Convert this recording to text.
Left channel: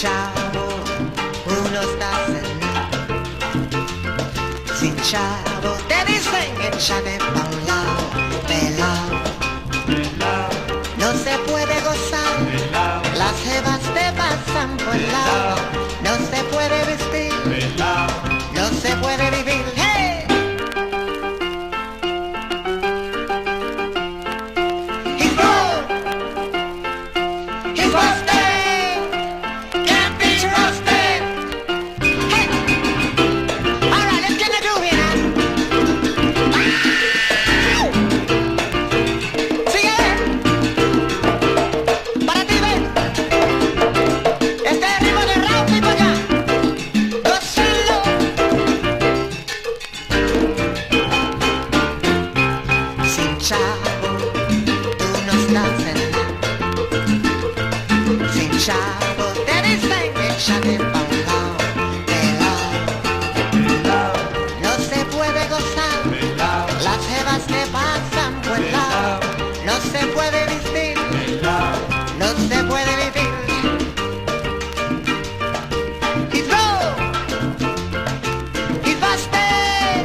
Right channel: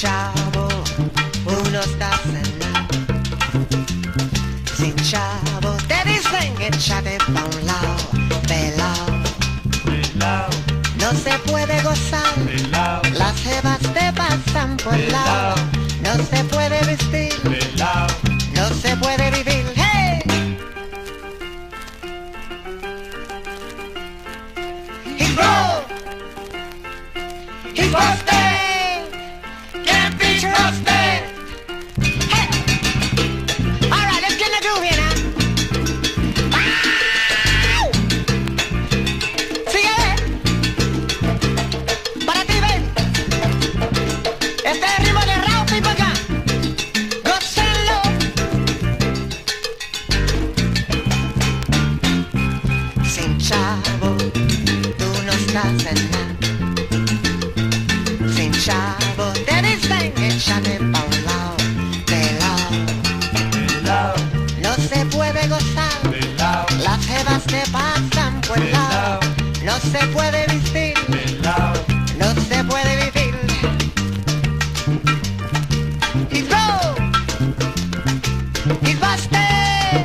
chavo, uno está nada. Sin chavo, te dicen échate pa' un lado, pelao. Pelao, No se puede gozar, pelao, las jevas te pasan por el lado. No se puede vestir, pelao. no se puede vivir, hey. He's broke, he's busted, can't be trusted. Hey, all right, let's get the groove here now. Wow. Sigue, para ti, ven. Este es el ritmo de Raup y pa' acá. Gócenlo. Sin chavo, tú no estás en nada. Sin chavo, te dicen échate pa' un lado, pelao. Pelao, No se puede gozar, pelao, las jevas te pasan por el lado. No se puede vestir, pelao. no se puede vivir. He's broke, he's busted,